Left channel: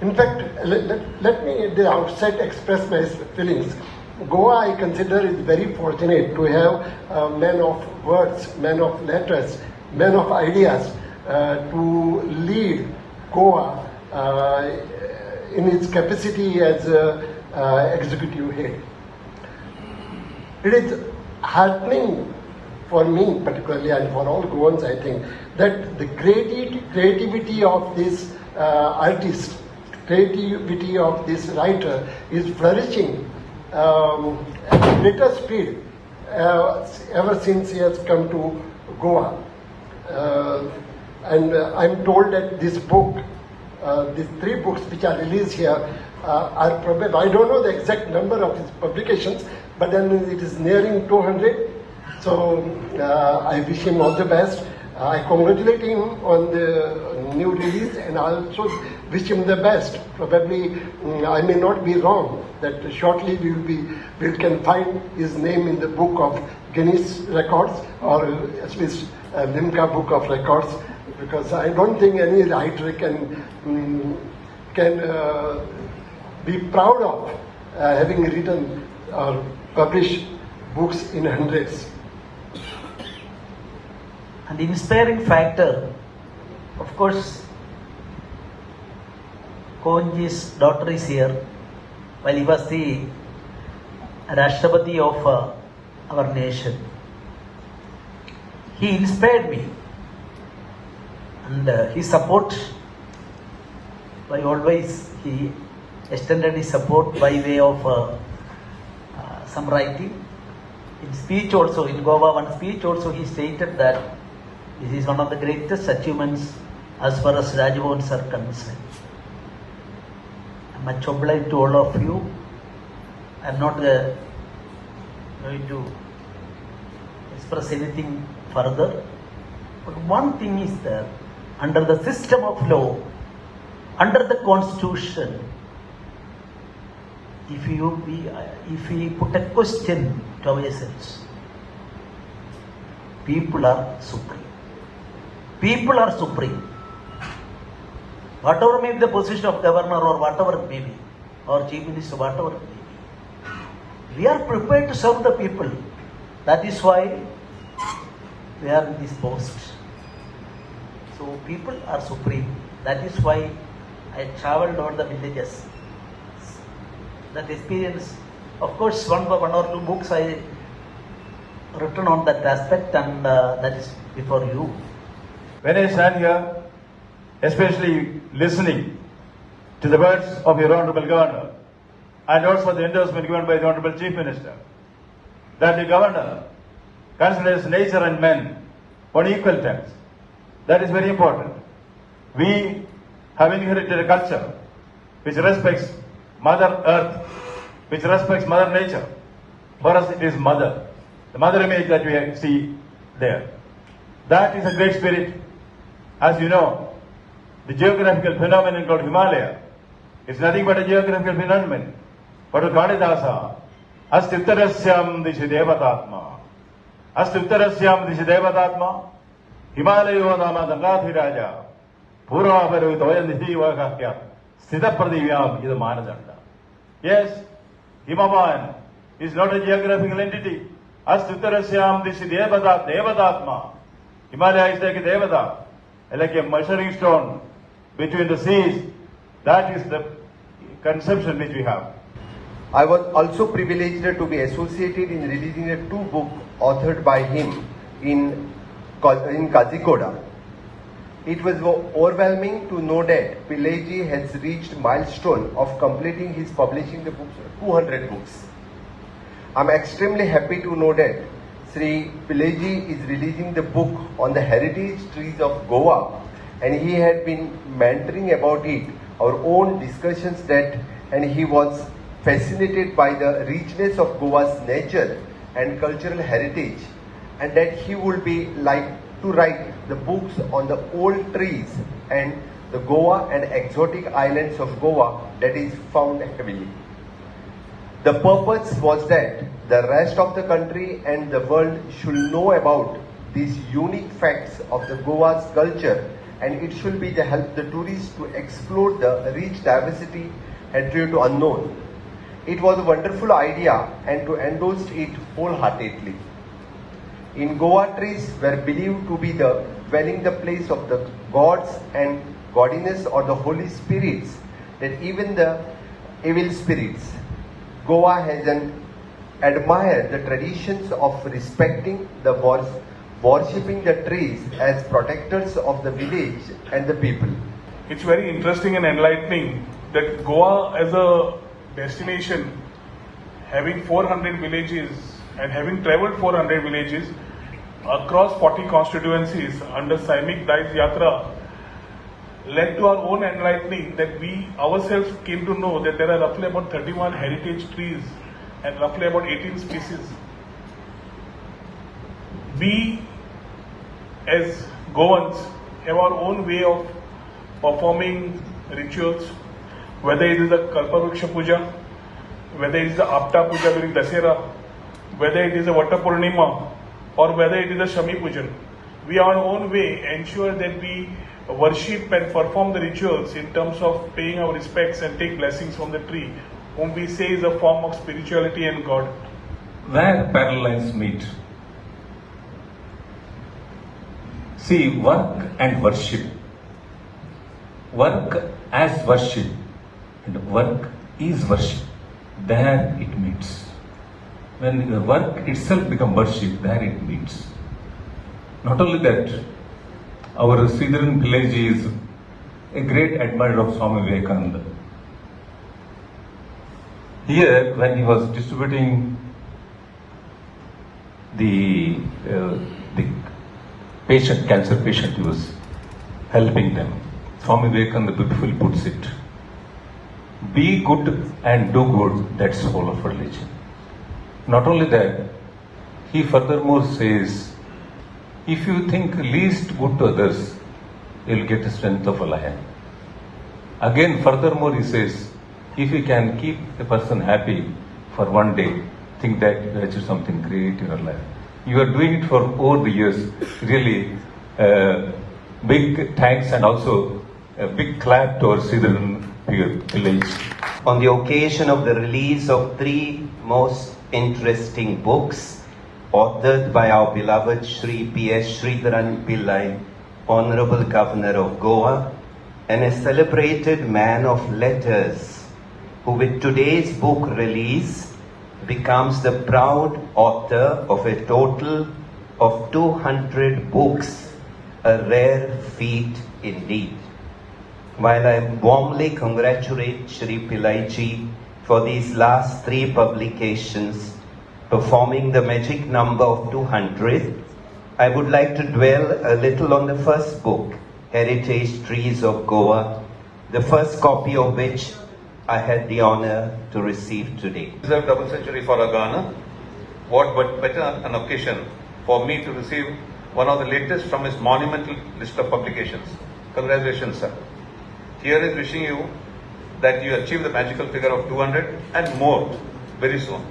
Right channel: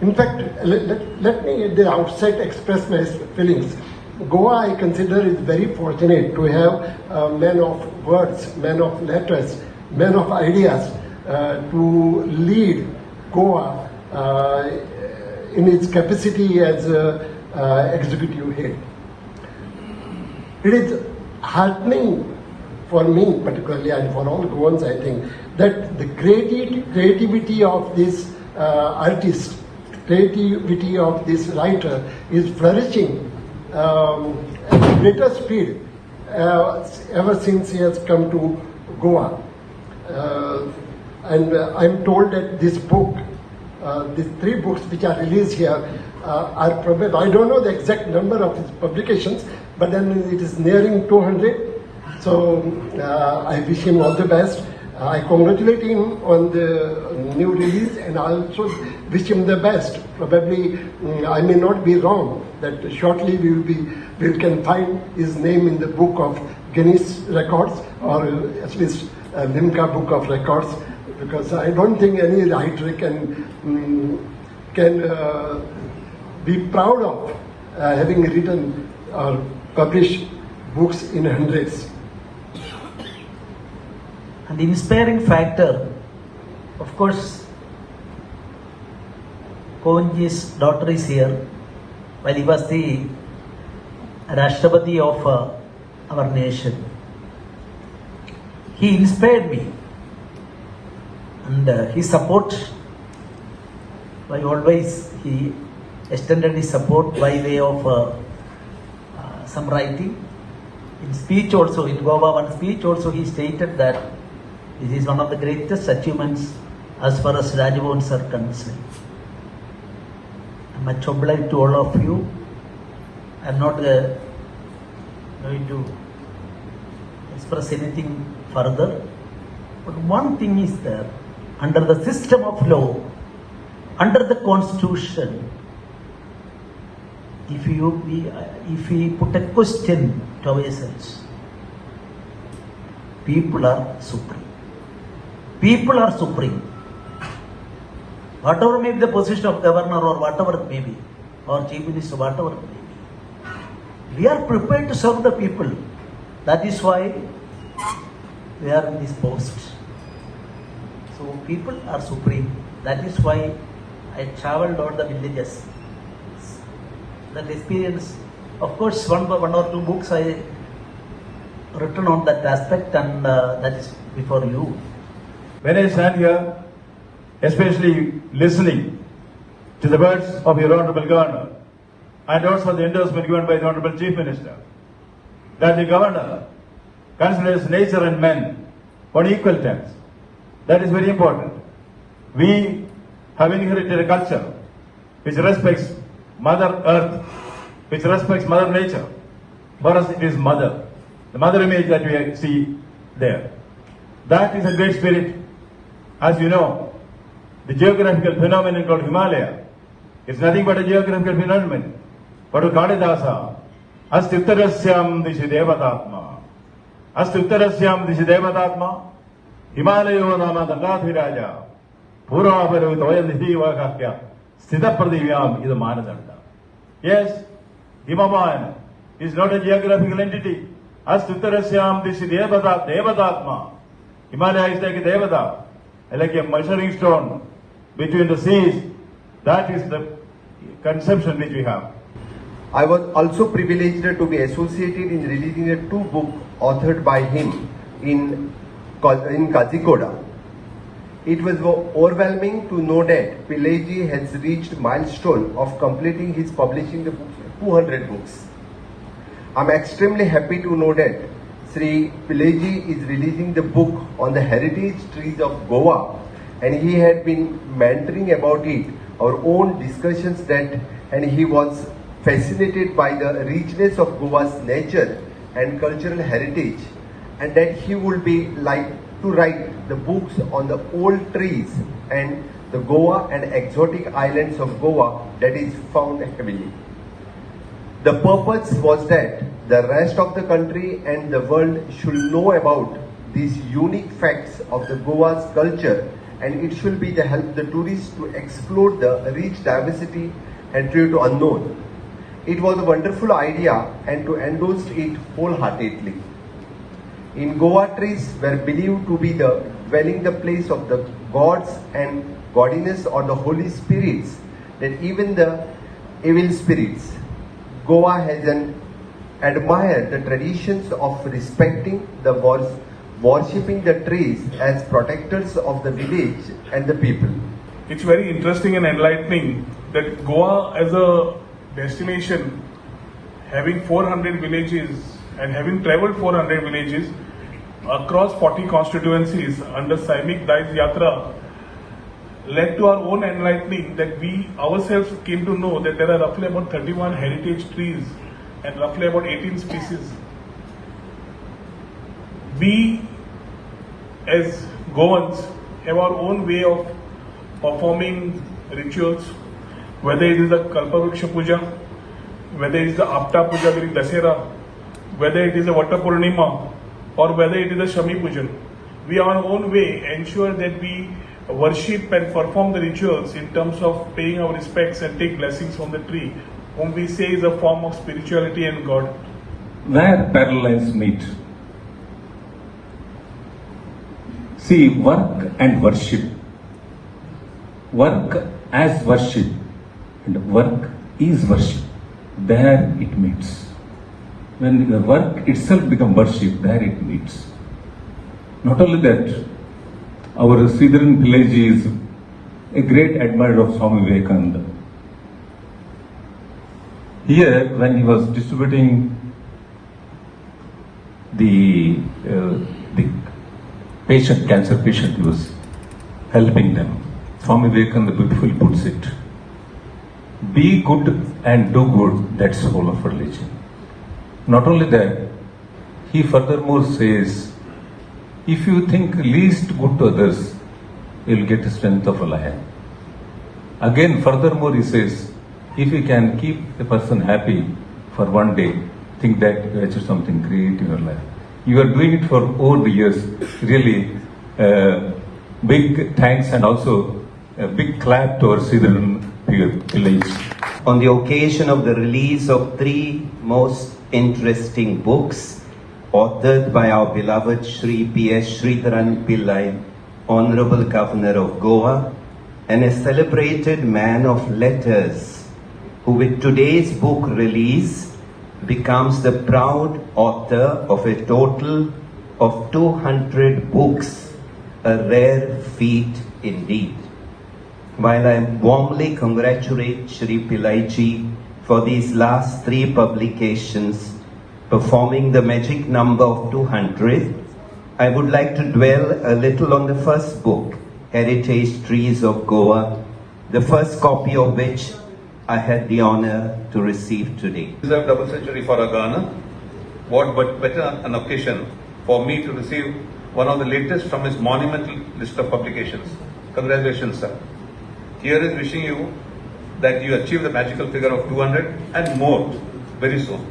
In fact, let me at the outset express my feelings. Goa, I consider, is very fortunate to have men of words, men of letters, men of ideas to lead Goa in its capacity as executive head. It is heartening for me particularly and for all Goans, I think, that the creativity of this artist, creativity of this writer is flourishing at greater speed ever since he has come to Goa. And I'm told that this book, these 3 books which are released here are probably, I don't know the exact number of his publications, but then it is nearing 200. So I wish him all the best. I congratulate him on the new release, and I also wish him the best. Probably I may not be wrong that shortly we can find his name in the book of Guinness Records, or at least Limca Book of Records, because I don't think any writer can be proud of having written or published books in hundreds. And the inspiring factor, of course, Kohanji's daughter is here, while he was the Rashtrapati of our nation. He inspired me, and his support, by always he extended his support by way of some writing. In speech also, in Goa, one speech also he stated that this is one of the greatest achievements as far as Rajbhavans are concerned. I'm much obliged to all of you. I'm not going to express anything further. But one thing is that under the system of law, under the constitution, if we put a question to ourselves, people are supreme. People are supreme. Whatever may be the position of governor or whatever it may be, or chief minister, whatever it may be, we are prepared to serve the people. That is why we are in this post. So people are supreme. That is why I traveled all the villages. That experience, of course, one or 2 books I written on that aspect, and that is before you. When I stand here, especially listening to the words of your Honorable Governor and also the endorsement given by the Honorable Chief Minister, that the Governor considers nature and men on equal terms. That is very important. We have inherited a culture which respects Mother Earth, which respects Mother Nature. For us it is Mother, the Mother image that we see there. That is a great spirit. As you know, the geographical phenomenon called Himalaya is nothing but a geographical phenomenon. But Kalidasa, Astutarasyam Dishi Devatatma, Astutarasyam Dishi Devatatma, Himalaya Nama Dangathi Raja, Puravaru Toyan Hivakakya, Sthitapradivyam is a Manadanda. Yes, Himavan is not a geographical entity. Astutarasyam Dishi Devatatma. Himalaya is like a Devata, like a measuring stone between the seas. That is the conception which we have. I was also privileged to be associated in releasing a 2 books authored by him in Kozhikode. It was overwhelming to know that Pillai has reached milestone of completing his publishing the books, 200 books. I am extremely happy to know that Sri Pillai is releasing the book on the heritage trees of Goa, and he had been mentoring about it, our own discussions that, and he was fascinated by the richness of Goa's nature and cultural heritage, and that he would be like to write the books on the old trees and the Goa and exotic islands of Goa that is found heavily. The purpose was that the rest of the country and the world should know about these unique facts of the Goa's culture and it should be the help the tourists to explore the rich diversity hitherto unknown. It was a wonderful idea and to endorse it wholeheartedly. In Goa, trees were believed to be the dwelling the place of the gods and godliness or the holy spirits, that even the evil spirits. Goa has admired the traditions of respecting the worshipping the trees as protectors of the village and the people. It's very interesting and enlightening that Goa as a destination, having 400 villages and having travelled 400 villages across 40 constituencies under Saimik Daiz Yatra, led to our own enlightening that we ourselves came to know that there are roughly about 31 heritage trees and roughly about 18 species. We as Goans have our own way of performing rituals, whether it is the Kalpavruksha Puja, whether it is the Apta Puja during Dasera, whether it is the Vata Purnima, or whether it is the Shami Pujan. We our own way ensure that we worship and perform the rituals in terms of paying our respects and take blessings from the tree, whom we say is a form of spirituality and God. Where parallel lines meet. See, work and worship. Work as worship and work is worship. There it meets. When the work itself becomes worship, there it meets. Not only that, our Sreedharan Pillai is a great admirer of Swami Vivekananda. Here, when he was distributing the cancer patient, he was helping them. Swami Vivekananda beautifully puts it. Be good and do good, that's the whole of religion. Not only that, he furthermore says, if you think least good to others, you'll get the strength of a lion. Again, furthermore, he says, if you can keep a person happy for one day, think that you achieve something great in your life. You are doing it for all the years. Really, big thanks and also a big clap to our Sreedharan Pillai. On the occasion of the release of 3 most interesting books authored by our beloved Shri P.S. Sreedharan Pillai, Honorable Governor of Goa, and a celebrated man of letters, who with today's book release becomes the proud author of a total of 200 books, a rare feat indeed. While I warmly congratulate Shri Pillai ji for these last 3 publications, performing the magic number of 200, I would like to dwell a little on the first book, Heritage Trees of Goa, the first copy of which I had the honor to receive today. Deserved double century for our Ghana. What but better an occasion for me to receive one of the latest from his monumental list of publications. Congratulations, sir. Here is wishing you that you achieve the magical figure of 200 and more very soon.